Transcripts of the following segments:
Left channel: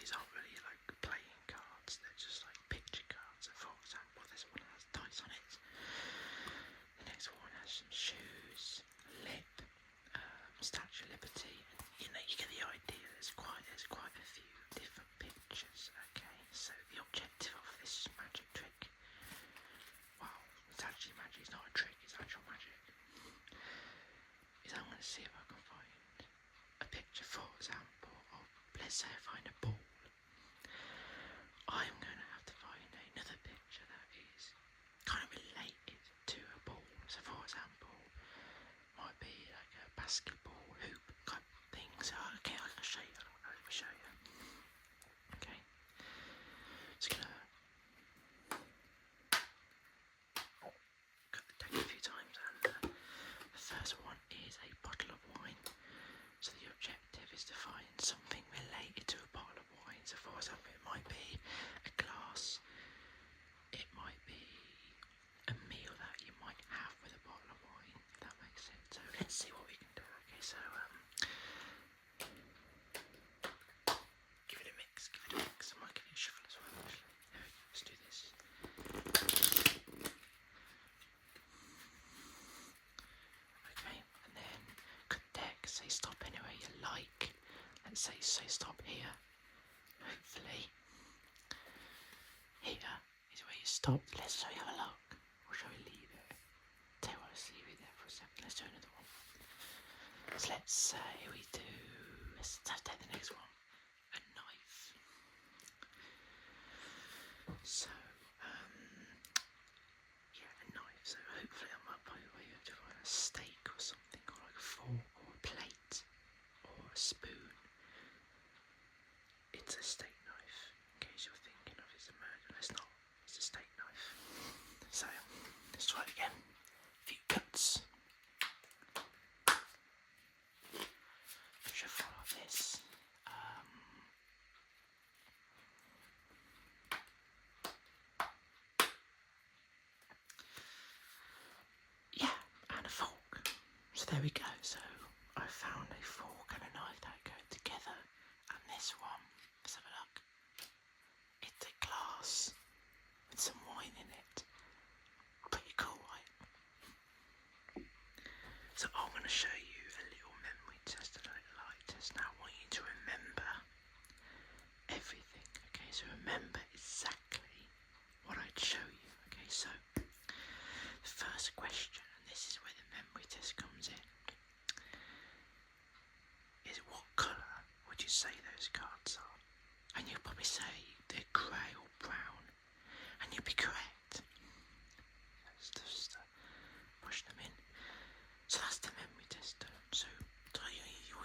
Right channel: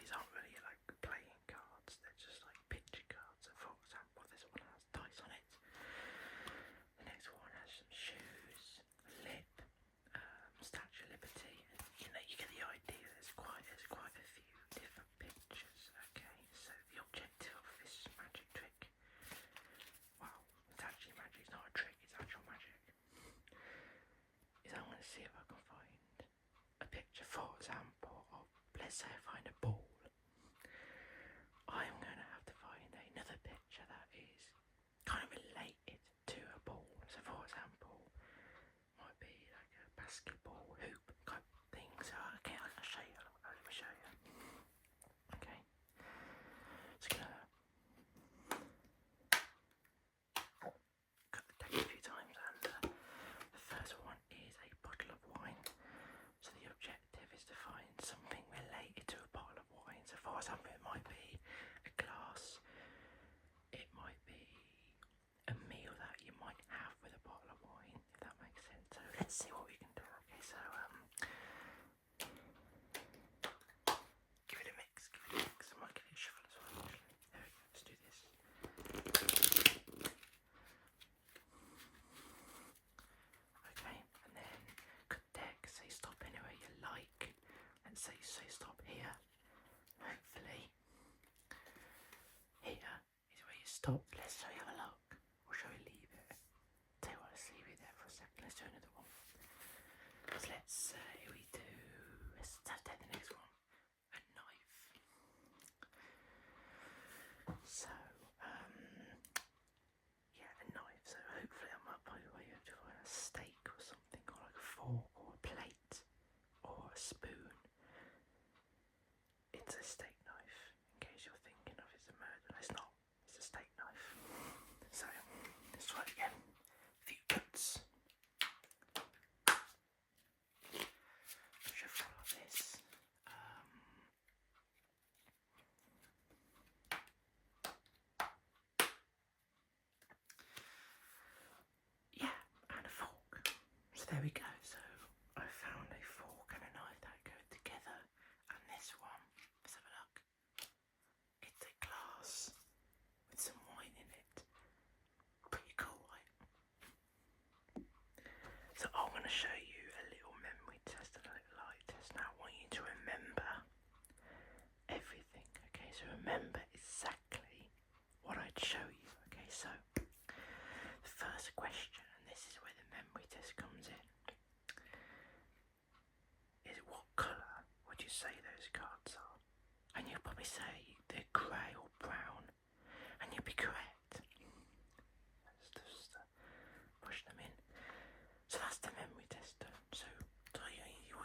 these aren't really like playing cards, they're just like picture cards. So for example, this one has dice on it, the next one has some shoes, a lip, Statue of Liberty, and you get the idea. There's quite a few different pictures. Okay, so the objective of this magic trick, wow, it's actually magic, it's not a trick, it's actual magic, is I'm going to see if I can find a picture, for example, of, let's say I find a ball. I'm going to have to find another picture that is kind of related to a ball. So for example, might be like a basketball hoop type thing. So okay, I'll show you. Let me show you. Okay, just gonna cut the deck a few times, and the first one is a bottle of wine. So the objective is to find something related to a bottle of wine. So for example, it might be a glass, it might be a meal that you might have with a bottle of wine, if that makes sense. So let's see what we can do. Okay, so give it a mix, I might give it a shuffle as well actually. There we go, let's do this. Okay, and then cut the deck, say stop anywhere you like. Let's say stop here. Hopefully here is where you stopped. Let's show you have a look. Or shall we leave it? Tell you what, let's leave it there for a second. Let's do another one. So let's say we do, let's take the next one. A knife. So, yeah, a knife. So hopefully I might be able to find a steak or something, or like a fork or a plate or a spoon. It's a steak knife, in case you're thinking of it's a murder. It's not, it's a steak knife. So, let's try it again. A few cuts. Shuffle like this. Yeah, and a fork. So there we go. So I found a fork and a knife that go together. And this one, let's have a look. It's a glass with some wine in it. Pretty cool, right? So I'm going to show you a little memory test, a little light test. Now I want you to remember everything. Okay, so remember exactly what I'd show you. Okay, so the first question, and this is where the memory test comes in, is what colour would you say those cards are? And you'll probably say they're grey or brown, and you'll be correct. Just push them in. So that's the memory test done. So all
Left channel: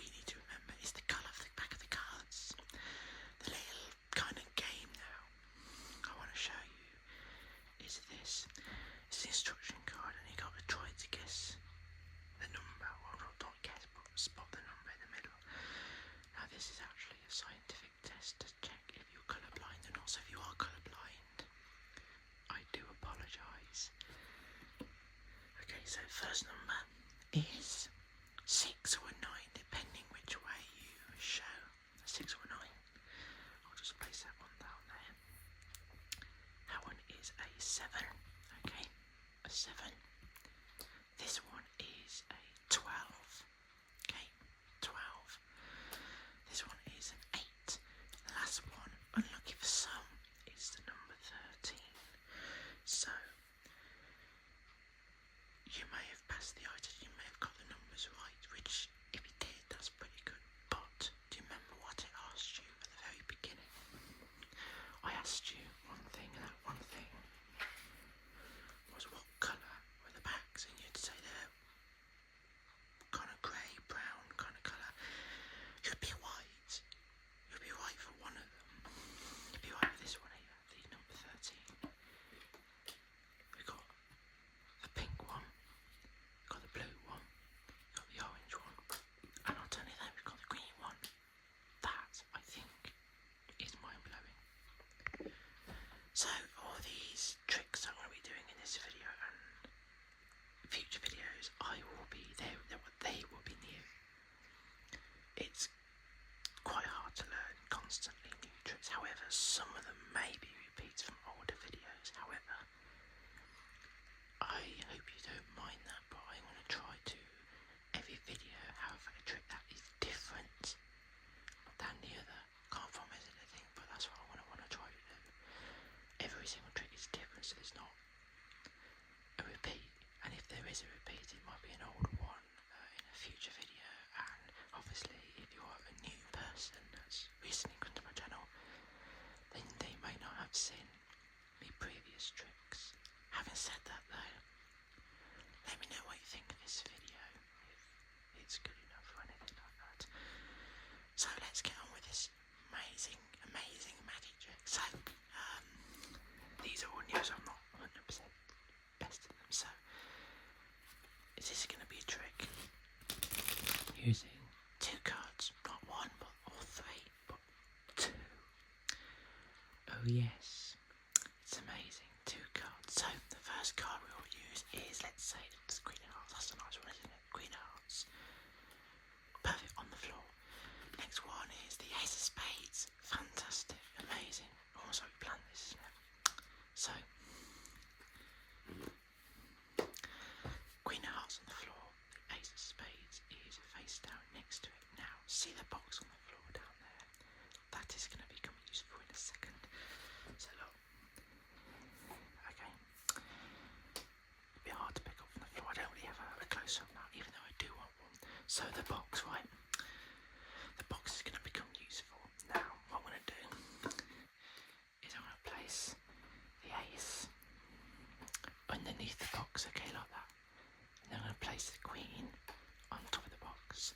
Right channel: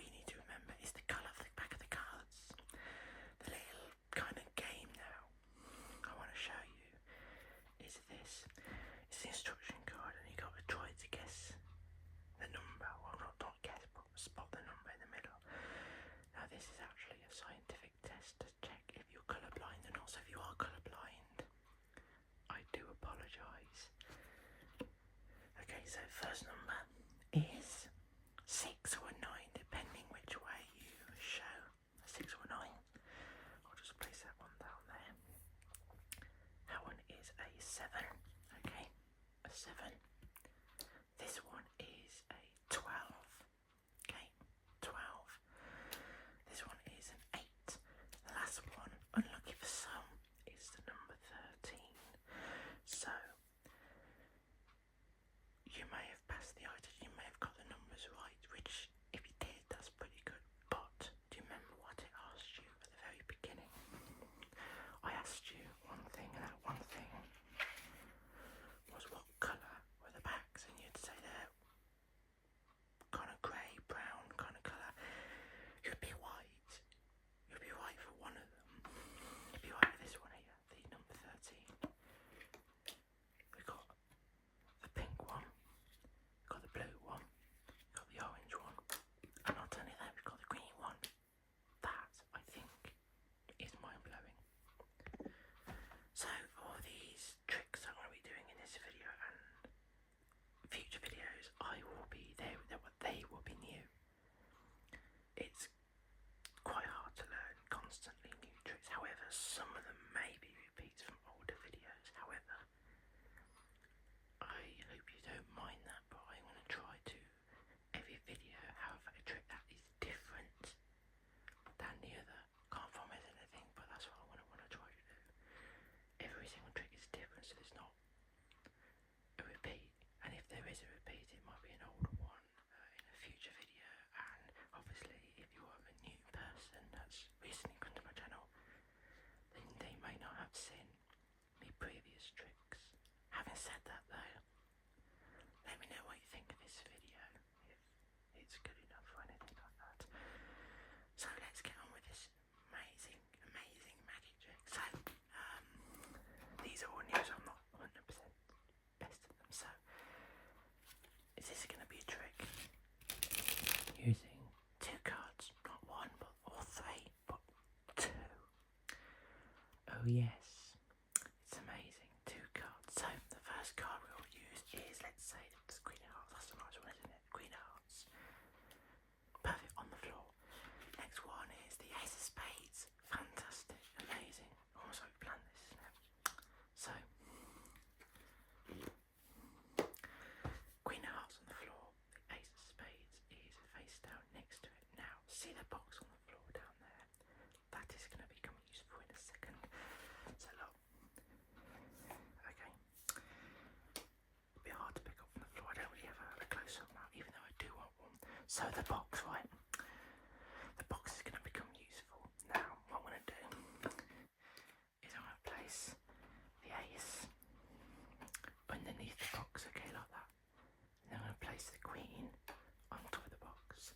you need to remember is the colour of the back of the cards. The little kind of game now I want to show you is this. It's the instruction card, and you got to try to guess the number. Well, not guess, but spot the number in the middle. Now this is actually a scientific test to check if you're colourblind or not. So if you are colourblind, I do apologise. Okay, so first number is 6 or 9, depending which way you show. 6 or 9. I'll just place that one down there. That one is a 7. Okay, a 7. This one is a 12. Okay, 12. This one is an 8. The last one, unlucky for some, is the number 13. So you may have passed the eye test, you may have got the numbers right, which if you did, that's pretty good. But do you remember what it asked you at the very beginning? I asked you one thing, and that one thing was what colour some of them may be repeats from older videos. However, I hope you don't mind that, but I want to try to every video have a trick that is different than the other. Can't promise anything, but that's what I want to try to do. Every single trick is different, so there's not a repeat, and if there is a repeat, it might be an older one in a future video. And obviously, if you are a new person that's recently come to my channel, then they may not have seen my previous tricks. Having said that though, let me know what you think of this video, if it's good enough or anything like that. So let's get on with this amazing magic trick. So these are all new, so I'm not 100% best at them. So is this going to be a trick using 2 cards, not 1 or 3 but 2? Oh yes, it's amazing, 2 cards. So the first card we will use is, let's say, the Queen of Hearts. That's a nice one, isn't it? Queen of Hearts. Perfect on the floor. Next one is the Ace of Spades. Fantastic, amazing. Almost like we planned this, isn't it? So Queen of Hearts on the floor. The Ace of Spades is face down next to it. Now, see the box on the floor down there? That is going to become useful in a second. So look. Okay. A bit hard to pick up from the floor. I don't really have a close-up now, even though I do want one. So the box, right? The box is going to become useful. Now, what I'm going to do is I'm going to place the ace underneath the box, okay, like that. And then I'm going to place the queen on top of the box.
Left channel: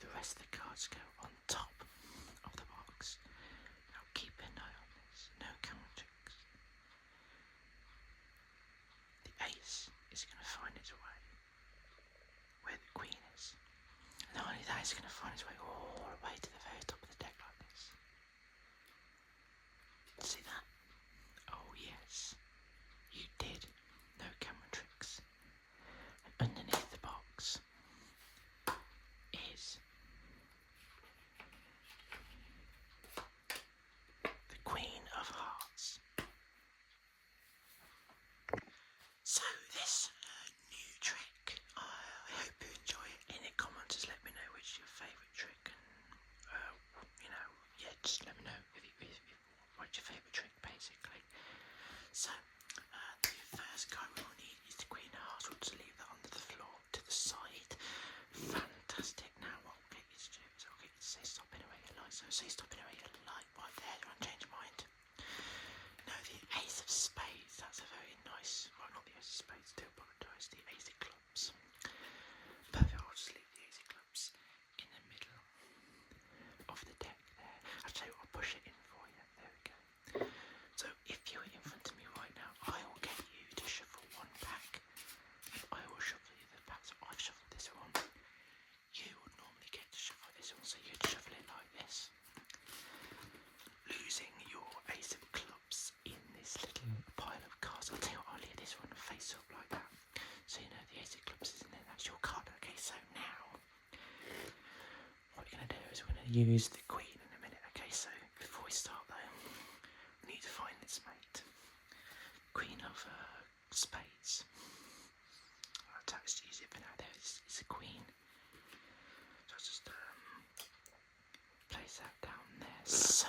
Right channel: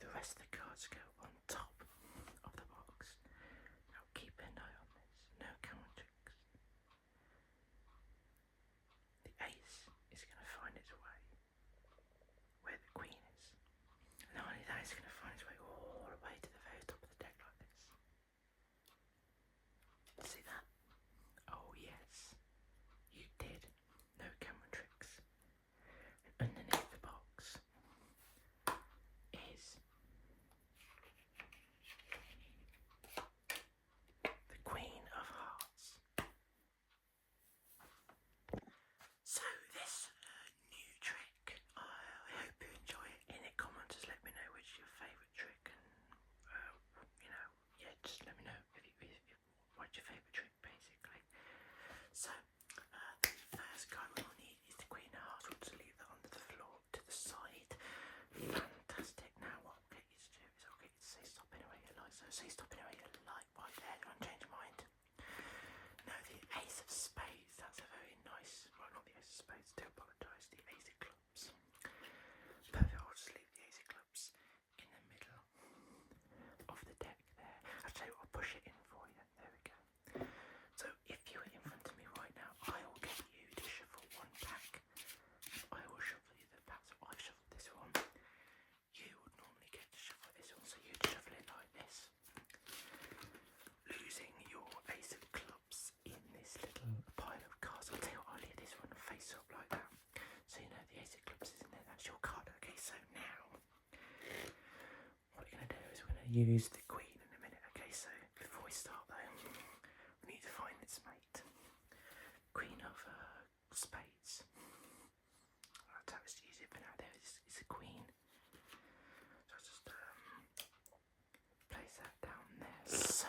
The rest of the cards go on top of the box. Now keep an eye on this, no camera tricks. The ace is going to find its way where the queen is. And not only that, it's going to find its way all the way to the very top of the deck like this. See that? Oh yes, you did. No camera tricks. And underneath the box is the Queen of Hearts. So this new trick, I hope you enjoy it. In the comments, just let me know which is your favourite trick, and yeah, just let me know if what's your favourite trick, basically. So the first card we will need is the Queen of Hearts. We'll just leave that under the floor to the side. Fantastic. Now what I'll get you to do is I'll get you to say stop anywhere you like. So say stop anywhere you like right there. Don't change your mind. No, the Ace of Spades. That's a very nice. Well, not the Ace of Spades. Do apologise. The Ace of Clubs. Perfect. I'll just leave the Ace of Clubs in the middle of the deck there. I'll tell you what, I'll push it in for you. There we go. So if you're in front of me right now, I will get you to shuffle one pack. I will shuffle you the pack. So I've shuffled this one. You would normally get to shuffle this one, so you'd shuffle it like this, losing your Ace of Clubs in this little pile of cards. I'll tell you what, I'll leave this one face up like that, so you know the Ace of Clubs is in there. That's your card. Okay, so now what we're going to do is we're going to use the Queen in a minute. Okay, so before we start though, we need to find its mate. Queen of Spades. That's how it's easy for now. There is a Queen. So I'll just place that down there. So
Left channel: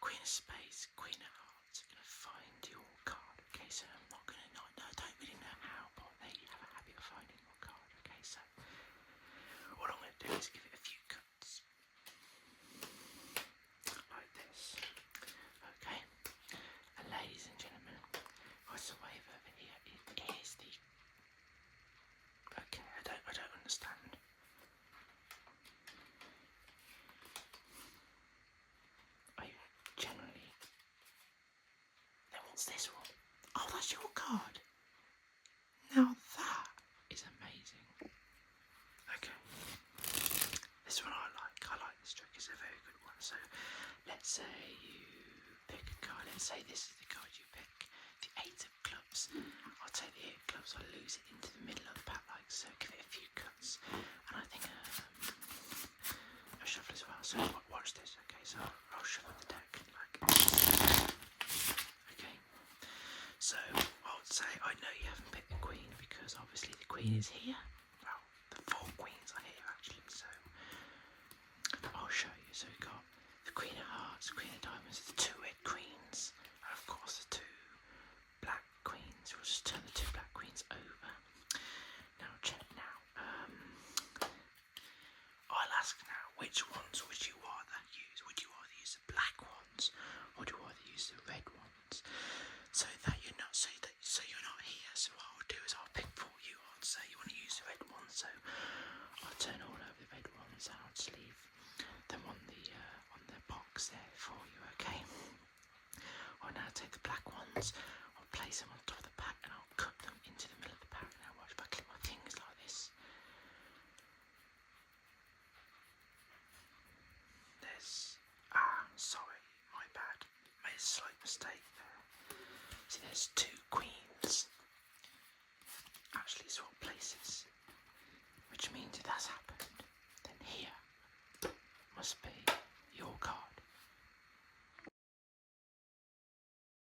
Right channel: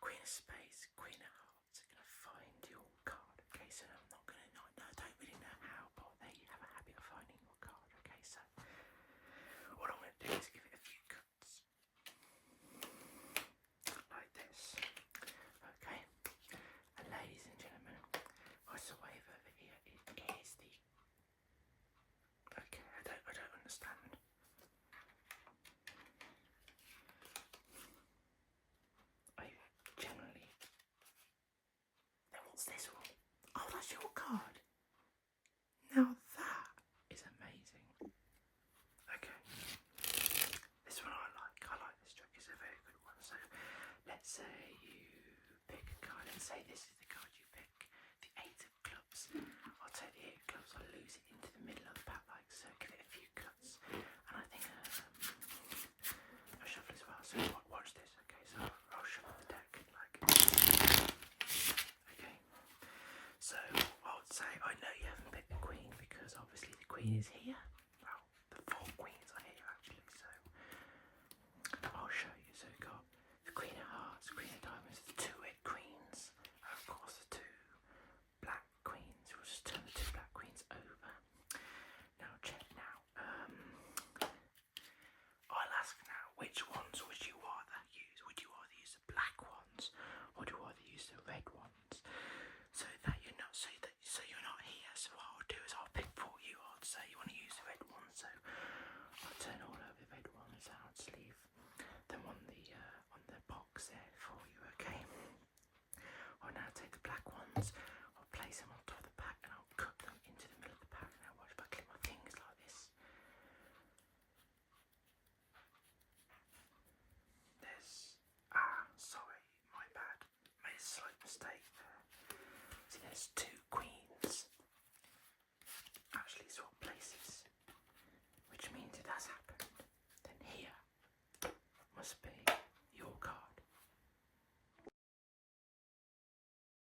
Queen of Spades, Queen of Hearts are going to find your card. Okay, so I'm not going to know. I don't really know how, but they have a habit of finding your card. Okay, so what I'm going to do is give it a few cuts like this. Okay, and ladies and gentlemen, what's the wave over here? It is the. Okay, I don't understand. I generally. Then what's this one? Oh, that's your card. Now that is amazing. Okay, this one I like. I like this trick. It's a very good one. So let's say you pick a card. Let's say this is the card you pick. The Eight of Clubs. I'll take the Eight of Clubs. I'll lose it into the middle of the pack like so. Give it a few cuts. And I think a shuffle as well. So watch queen is here. Well, the 4 queens are here actually, so I'll show you. So we've got the queen of hearts, queen of diamonds, the 2 red queens, and of course the 2 black queens. We'll just turn the 2 black queens over. Now check now. I'll ask now, which ones would you rather use? Would you rather use the black ones, or do you rather use the red ones? So you're not here. So what I'll do is I'll pick for you. I'll say you want to use the red ones, so I'll turn all over the red ones. I'll just leave them on the box there for you. Okay. I'll now take the black ones. I'll place them on top of the pack, and I'll cut them into the middle of the pack. Now watch if I clip my fingers like this. Sorry, my bad. Made a slight mistake there. See, there's 2 queens actually swap places, which means if that's happened, then here must be